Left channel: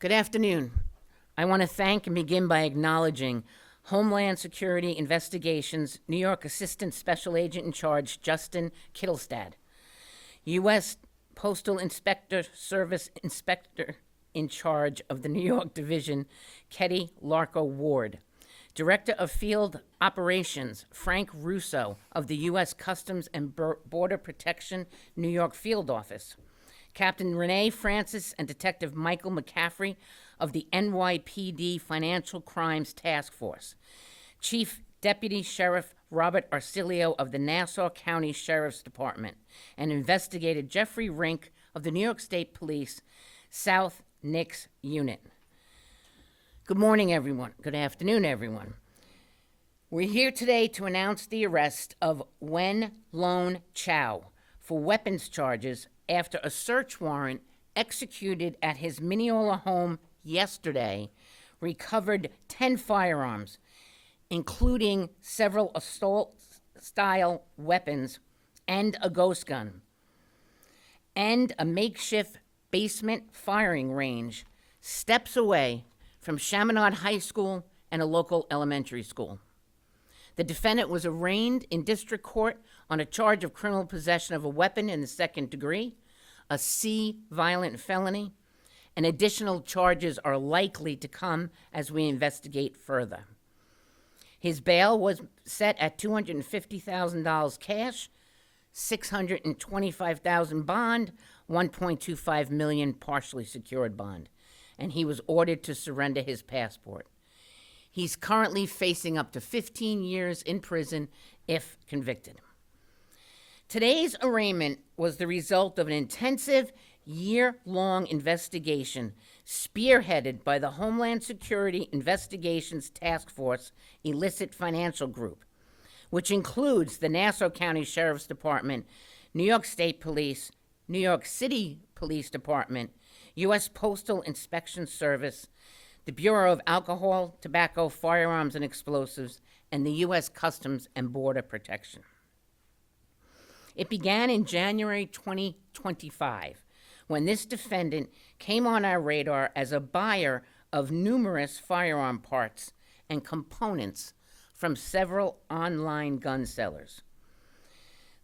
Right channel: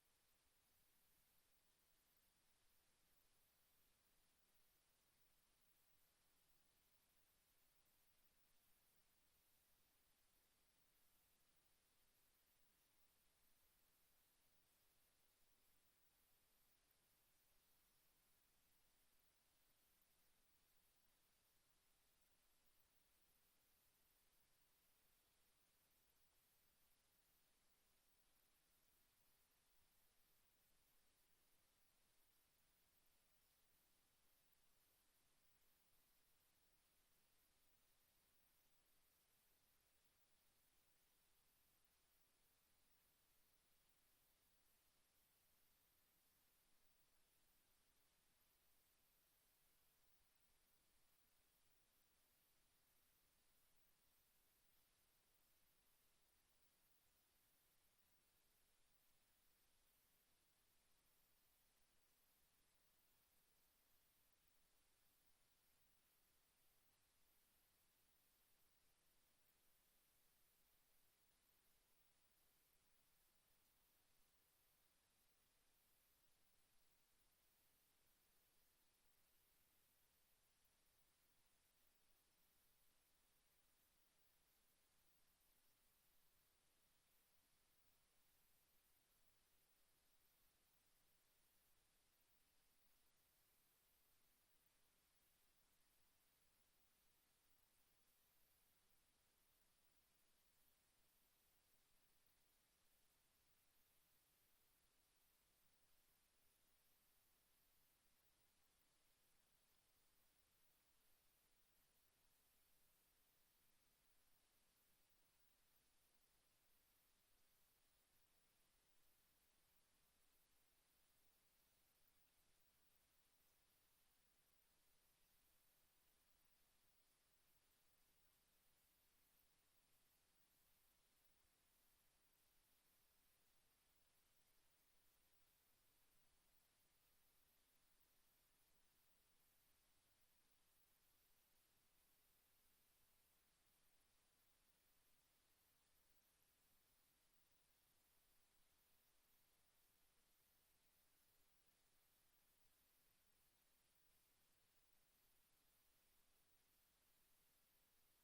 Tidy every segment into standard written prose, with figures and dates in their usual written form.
Good afternoon. I want to thank and begin by acknowledging Homeland Security Investigations New York Assistant Special Agent in Charge Justin Kittelstad, U.S. Postal Inspector Service Inspector in Charge of the New York Division, Ketty Larko Ward, Director of Field Operations, Frank Russo of the U.S. Customs and Border Protection New York Field Office, Captain Renee Francis and Detective Michael McCaffrey of the NYPD Financial Crimes Task Force, Chief Deputy Sheriff Robert Arcilio of the Nassau County Sheriff's Department, and Investigator Jeffrey Rink of the New York State Police South Nix Unit. Good morning, everyone. Good afternoon, everyone. We're here today to announce the arrest of Wen-Lone Chou for weapons charges after a search warrant executed at his Mineola home yesterday recovered 10 firearms, including several assault-style weapons and a ghost gun, and a makeshift basement firing range steps away from Chaminade High School and a local elementary school. The defendant was arraigned in district court on a charge of criminal possession of a weapon in the second degree, a C violent felony, and additional charges are likely to come as we investigate further. His bail was set at $250,000 cash, $625,000 bond, $1.25 million partially secured bond, and he was ordered to surrender his passport. He's currently facing up to 15 years in prison if convicted. Today's arraignment was the result of an intensive, year-long investigation spearheaded by the Homeland Security Investigations Task Force Illicit Financial Group, which includes the Nassau County Sheriff's Department, New York State Police, New York City Police Department, U.S. Postal Inspection Service, the Bureau of Alcohol, Tobacco, Firearms, and Explosives, and the U.S. Customs and Border Protection. It began in January 2025, when this defendant came on our radar as a buyer of numerous firearm parts and components from several online gun sellers.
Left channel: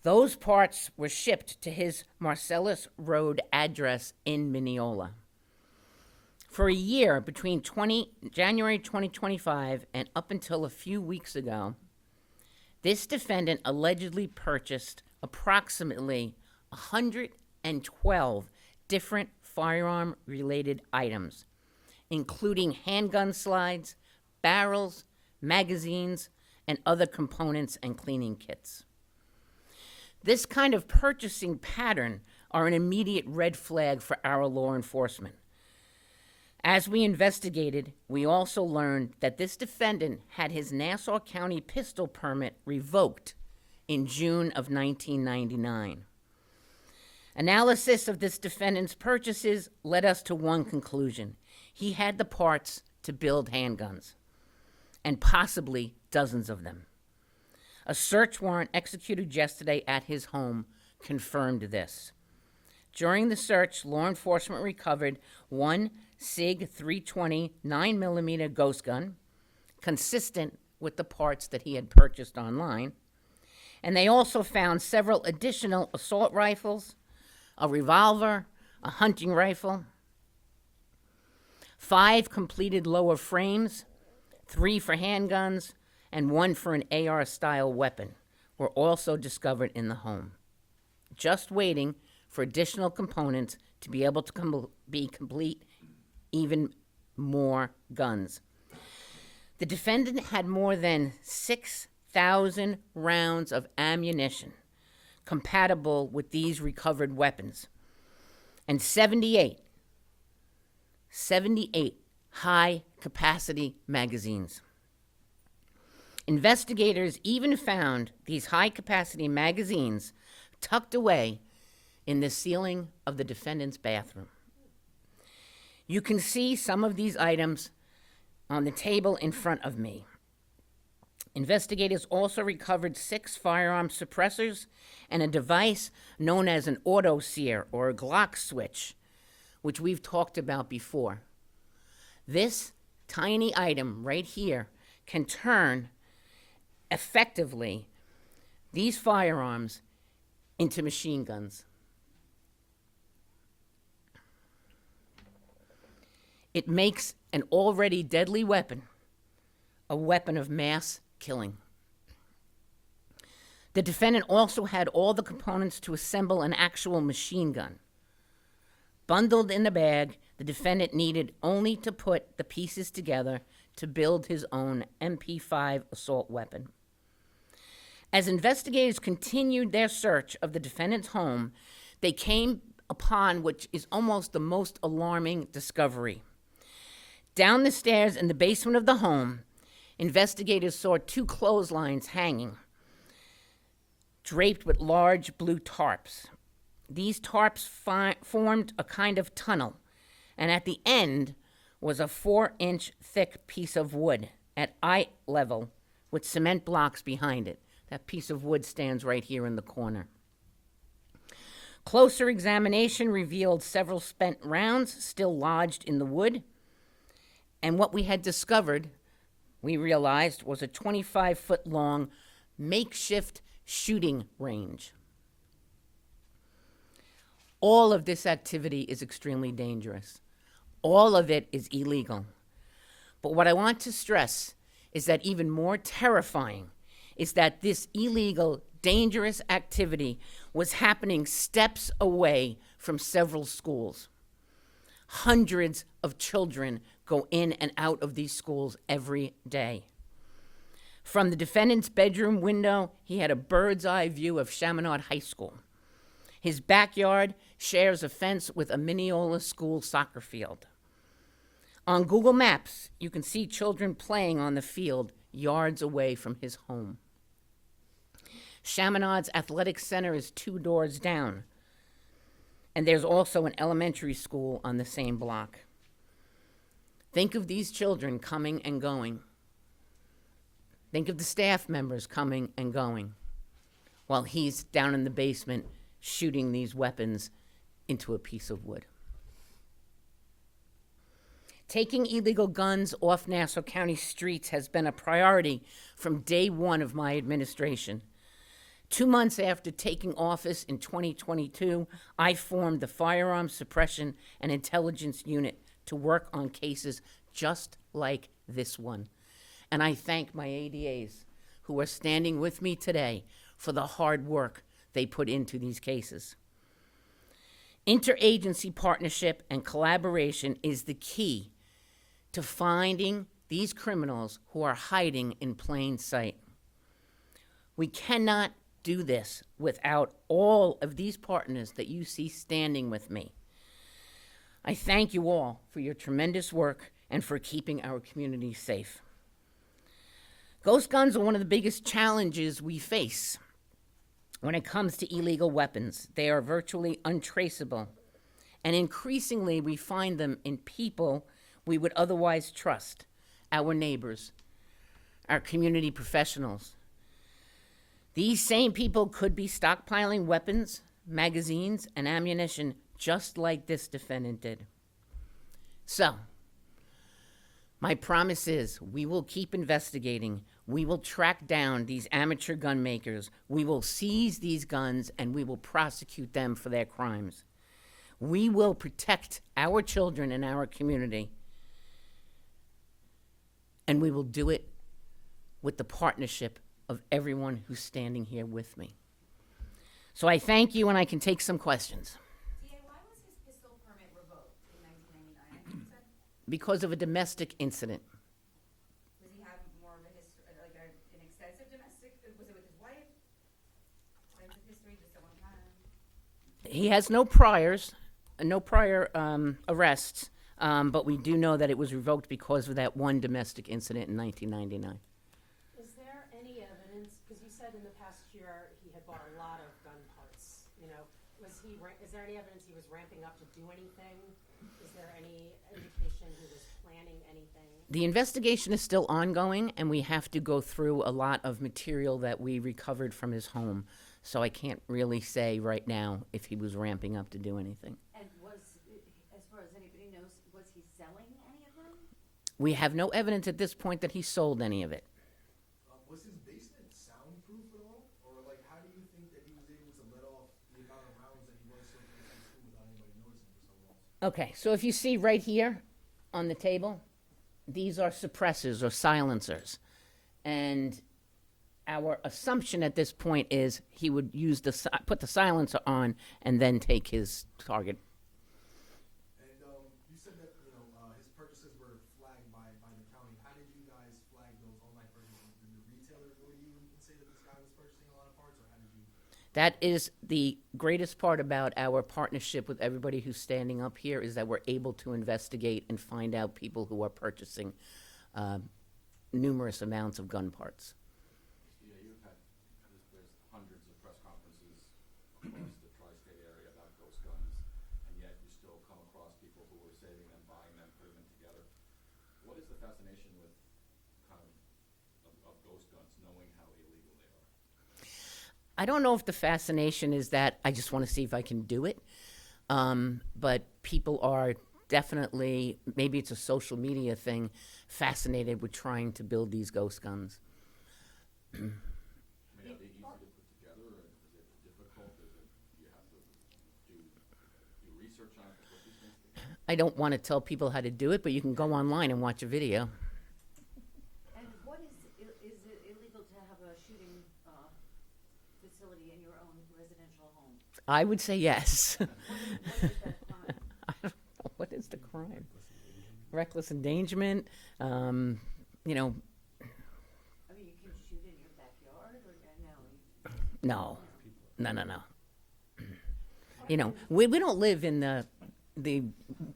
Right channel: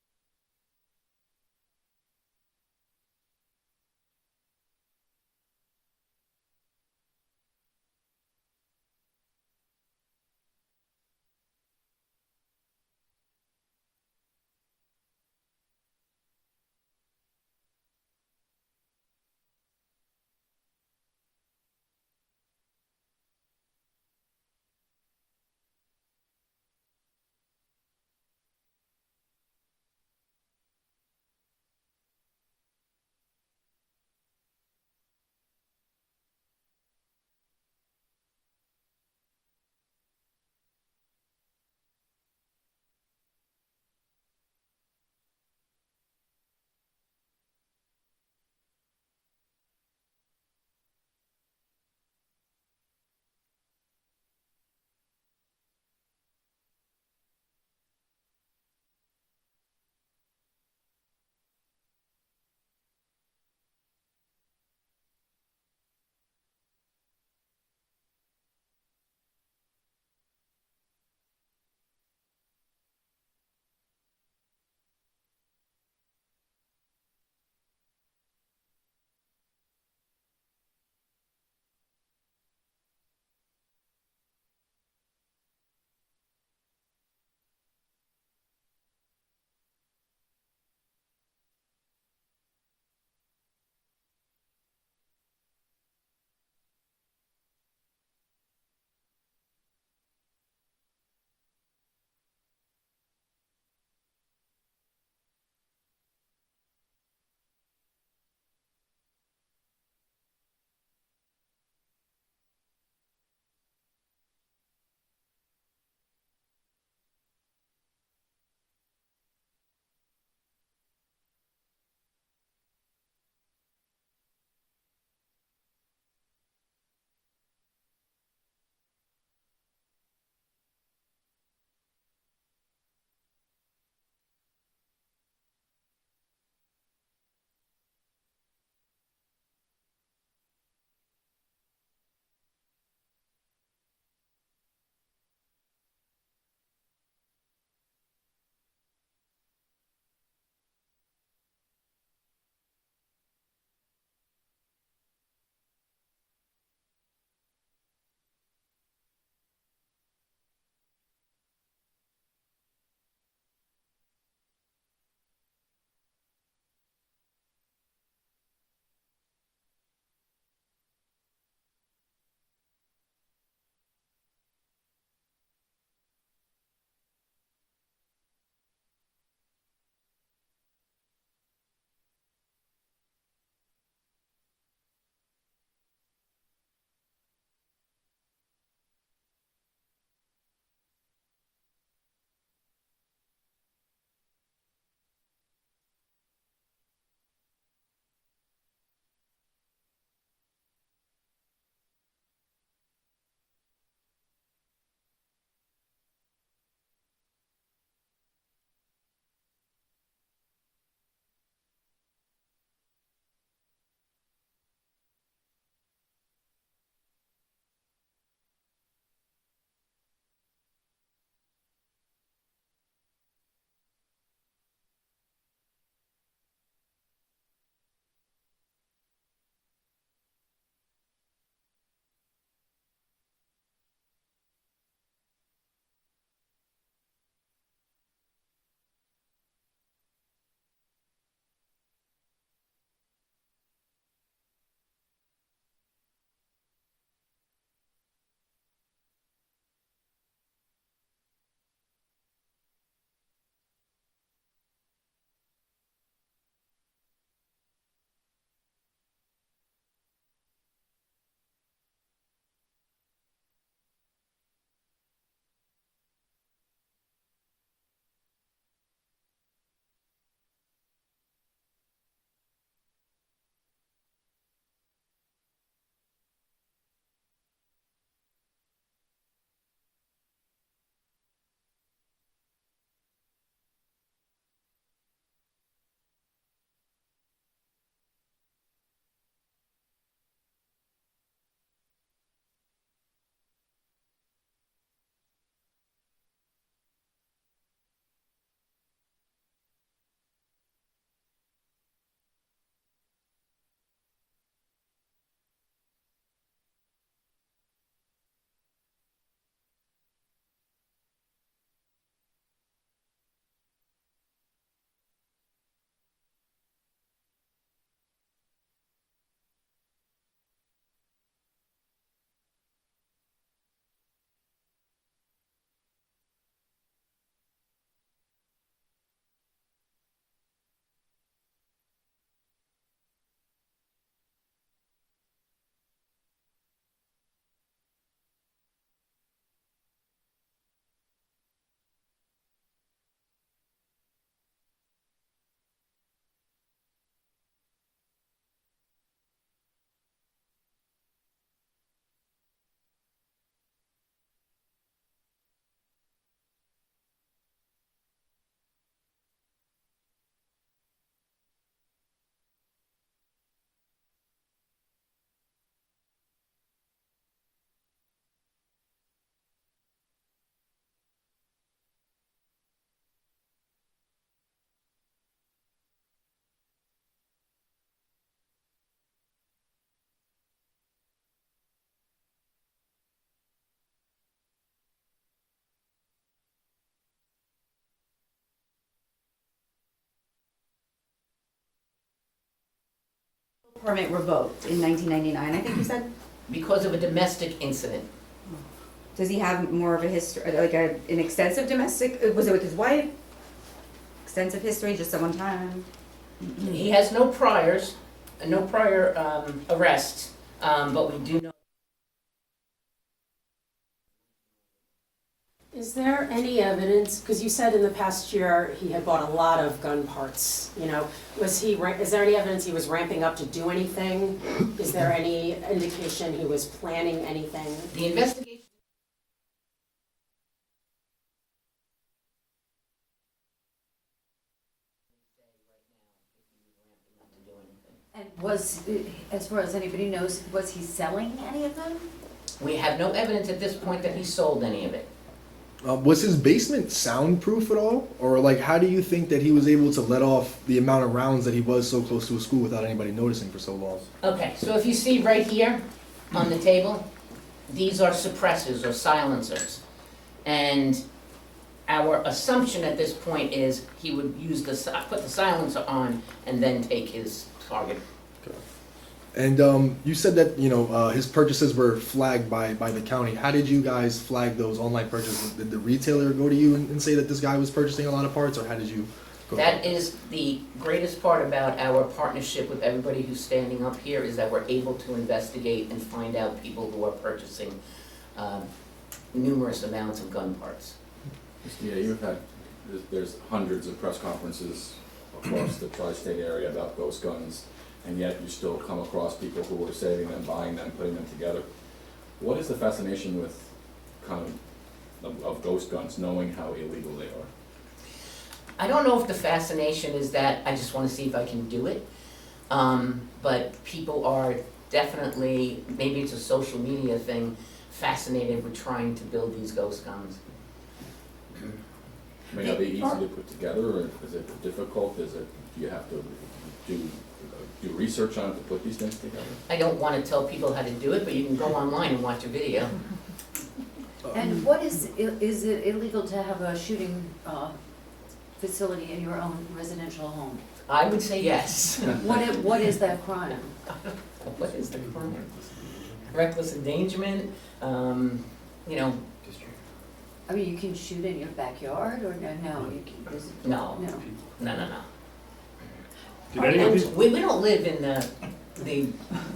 Those parts were shipped to his Marcellus Road address in Mineola. For a year, between January 2025 and up until a few weeks ago, this defendant allegedly purchased approximately 112 different firearm-related items, including handgun slides, barrels, magazines, and other components and cleaning kits. This kind of purchasing pattern are an immediate red flag for our law enforcement. As we investigated, we also learned that this defendant had his Nassau County pistol permit revoked in June of 1999. Analysis of this defendant's purchases led us to one conclusion. He had the parts to build handguns, and possibly dozens of them. A search warrant executed yesterday at his home confirmed this. During the search, law enforcement recovered one SIG 320 9mm ghost gun, consistent with the parts that he had purchased online, and they also found several additional assault rifles, a revolver, a hunting rifle, 5 completed lower frames, 3 for handguns, and 1 for an AR-style weapon were also discovered in the home, just waiting for additional components to be able to complete even more guns. The defendant had more than 6,000 rounds of ammunition compatible with these recovered weapons, and 78 high-capacity magazines. Investigators even found these high-capacity magazines tucked away in the ceiling of the defendant's bathroom. You can see some of these items on the table in front of me. Investigators also recovered 6 firearm suppressors and a device known as an auto sear or a Glock switch, which we've talked about before. This tiny item right here can turn effectively these firearms into machine guns. It makes an already deadly weapon a weapon of mass killing. The defendant also had all the components to assemble an actual machine gun. Bundled in a bag, the defendant needed only to put the pieces together to build his own MP5 assault weapon. As investigators continued their search of the defendant's home, they came upon what is almost the most alarming discovery. Down the stairs in the basement of the home, investigators saw 2 clotheslines hanging, draped with large blue tarps. These tarps formed a kind of tunnel, and at the end was a 4-inch thick piece of wood at eye level with cement blocks behind it. That piece of wood stands right here in the corner. Closer examination revealed several spent rounds still lodged in the wood, and what we had discovered, we realized, was a 25-foot-long makeshift shooting range. All of this activity is extremely dangerous. All of it is illegal. But what I want to stress is that even more terrifying is that this illegal, dangerous activity was happening steps away from several schools. Hundreds of children go in and out of these schools every day. From the defendant's bedroom window, he had a bird's eye view of Chaminade High School. His backyard shares a fence with a Mineola school soccer field. On Google Maps, you can see children playing on the field yards away from his home. Chaminade's athletic center is 2 doors down, and there's also an elementary school on the same block. Think of these children coming and going. Think of the staff members coming and going while he's down in the basement shooting these weapons into a piece of wood. Taking illegal guns off Nassau County streets has been a priority from day one of my administration. 2 months after taking office in 2022, I formed the Firearms Suppression and Intelligence Unit to work on cases just like this one. And I thank my ADAs who are standing with me today for the hard work they put into these cases. Interagency partnership and collaboration is the key to finding these criminals who are hiding in plain sight. We cannot do this without all of these partners that you see standing with me. I thank you all for your tremendous work and for keeping our community safe. Ghost guns are one of the biggest challenges we face when it comes to illegal weapons. They are virtually untraceable, and increasingly we find them in people we would otherwise trust, our neighbors, our community professionals. These same people could be stockpiling weapons, magazines, and ammunition just like this defendant did. So, my promise is we will keep investigating. We will track down these amateur gun makers. We will seize these guns and we will prosecute them for their crimes. We will protect our children and our community. And we will do it with the partnership of everyone who's standing here with me. So I thank you, and I can take some questions. DA, why was his pistol permit revoked in 1999? I think you said. Because of a domestic incident. Does he have more of a history, like an extensive domestic? Was it with his wife? Extensive history, just at one time? He has no priors, no prior arrests, but we do know that it was revoked because of that one domestic incident in 1999. Is there any evidence, because you said in the past year he had bought a lot of gun parts, you know, is there any evidence he was ramping up to do anything? Is there any indication he was planning anything? The investigation is still ongoing, and we have to go through a lot of material that we recovered from his home. So I can't really say right now if he was ramping up to do anything. And was, as far as anybody knows, was he selling any of them? We have no evidence at this point that he sold any of it. Was his basement soundproof at all? Or like, how do you think that he was able to let off the amount of rounds that he was so close to a school without anybody noticing for so long? Okay, so if you see right here on the table, these are suppressors or silencers. And our assumption at this point is he would use put the silencer on and then take his target. And you said that, you know, his purchases were flagged by the county. How did you guys flag those online purchases? Did the retailer go to you and say that this guy was purchasing a lot of parts, or how did you go? That is the greatest part about our partnership with everybody who's standing up here, is that we're able to investigate and find out people who are purchasing numerous amounts of gun parts. Yeah, you've had, there's hundreds of press conferences across the tri-state area about ghost guns, and yet you still come across people who are saving them, buying them, putting them together. What is the fascination with kind of ghost guns, knowing how illegal they are? I don't know if the fascination is that I just want to see if I can do it, but people are definitely, maybe it's a social media thing, fascinated with trying to build these ghost guns. I mean, are they easy to put together, or is it difficult? Do you have to do research on it to put these things together? I don't want to tell people how to do it, but you can go online and watch a video. And what is it illegal to have a shooting facility in your own residential home? I would say yes. What is that crime? What is the crime? Reckless endangerment, you know, I mean, you can shoot in your backyard, or no, you can, no, no. no. Did any of these, We don't live in the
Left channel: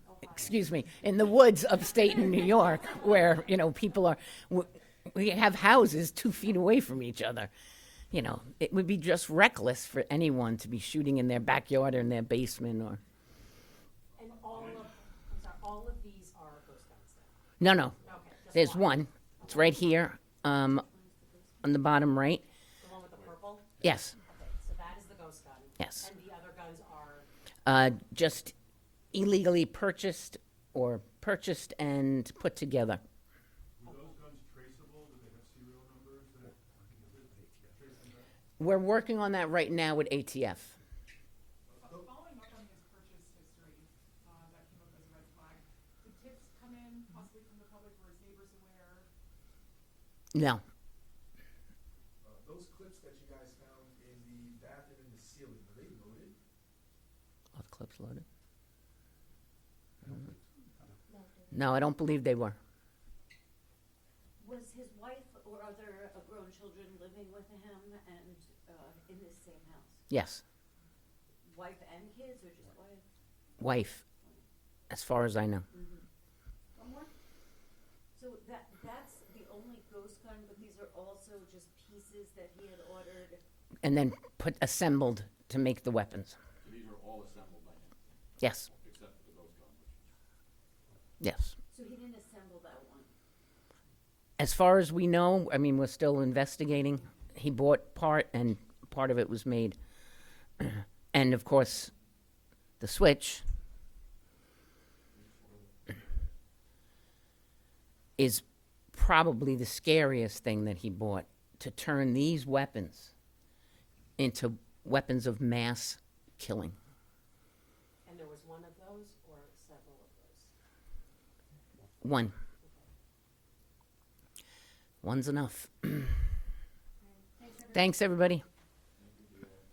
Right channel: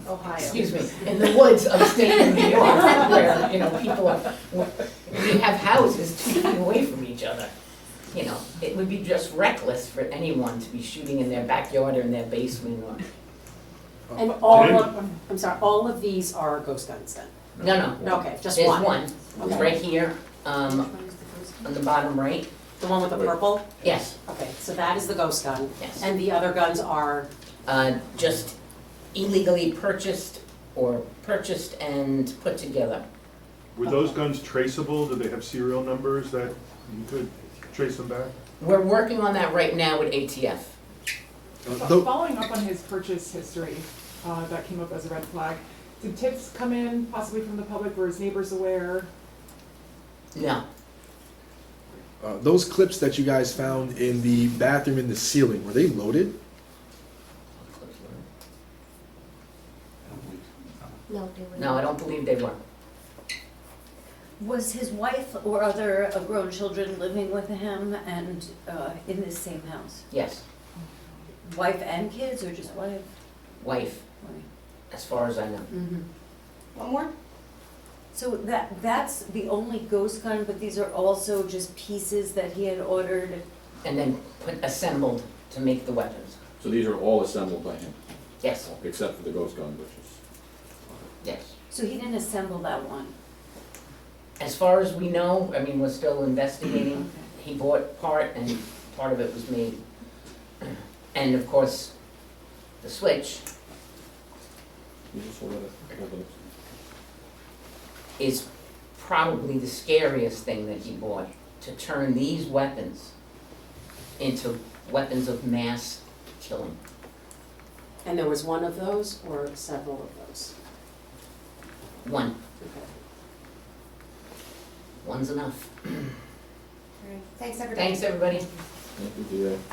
Ohio. excuse me, in the woods of state New York, where, you know, people are, we have houses 2 feet away from each other. You know, it would be just reckless for anyone to be shooting in their backyard or in their basement or, And all of these are ghost guns then? no, Okay, just there's one? one, it's right here, on the bottom right, The one with the purple? yes, Okay, so that is the ghost gun. yes. And the other guns are, Just illegally purchased and put together. were those guns traceable? Did they have serial numbers that you could trace them back? We're working on that right now with ATF. Following up on his purchase history, that came up as a red flag, did tips come in possibly from the public? Were his neighbors aware? No, Those clips that you guys found in the bathroom in the ceiling, were they loaded? no, I don't believe they were. Was his wife or other grown children living with him and in this same house? Yes, Wife and kids, or just wife? wife, as far as I know. Mm-hmm. One more? So that's the only ghost gun, but these are also just pieces that he had ordered? And then assembled to make the weapons. So these are all assembled by him, Yes, except for the ghost gun, which is. yes. So he didn't assemble that one? As far as we know, I mean, we're still investigating. Okay. He bought part and part of it was made. And of course, the switch You just hold it. is probably the scariest thing that he bought, to turn these weapons into weapons of mass killing. and there was one of those or several of those? One, Okay. one's enough. Thanks, everybody. Thanks, everybody. Thank you, DA.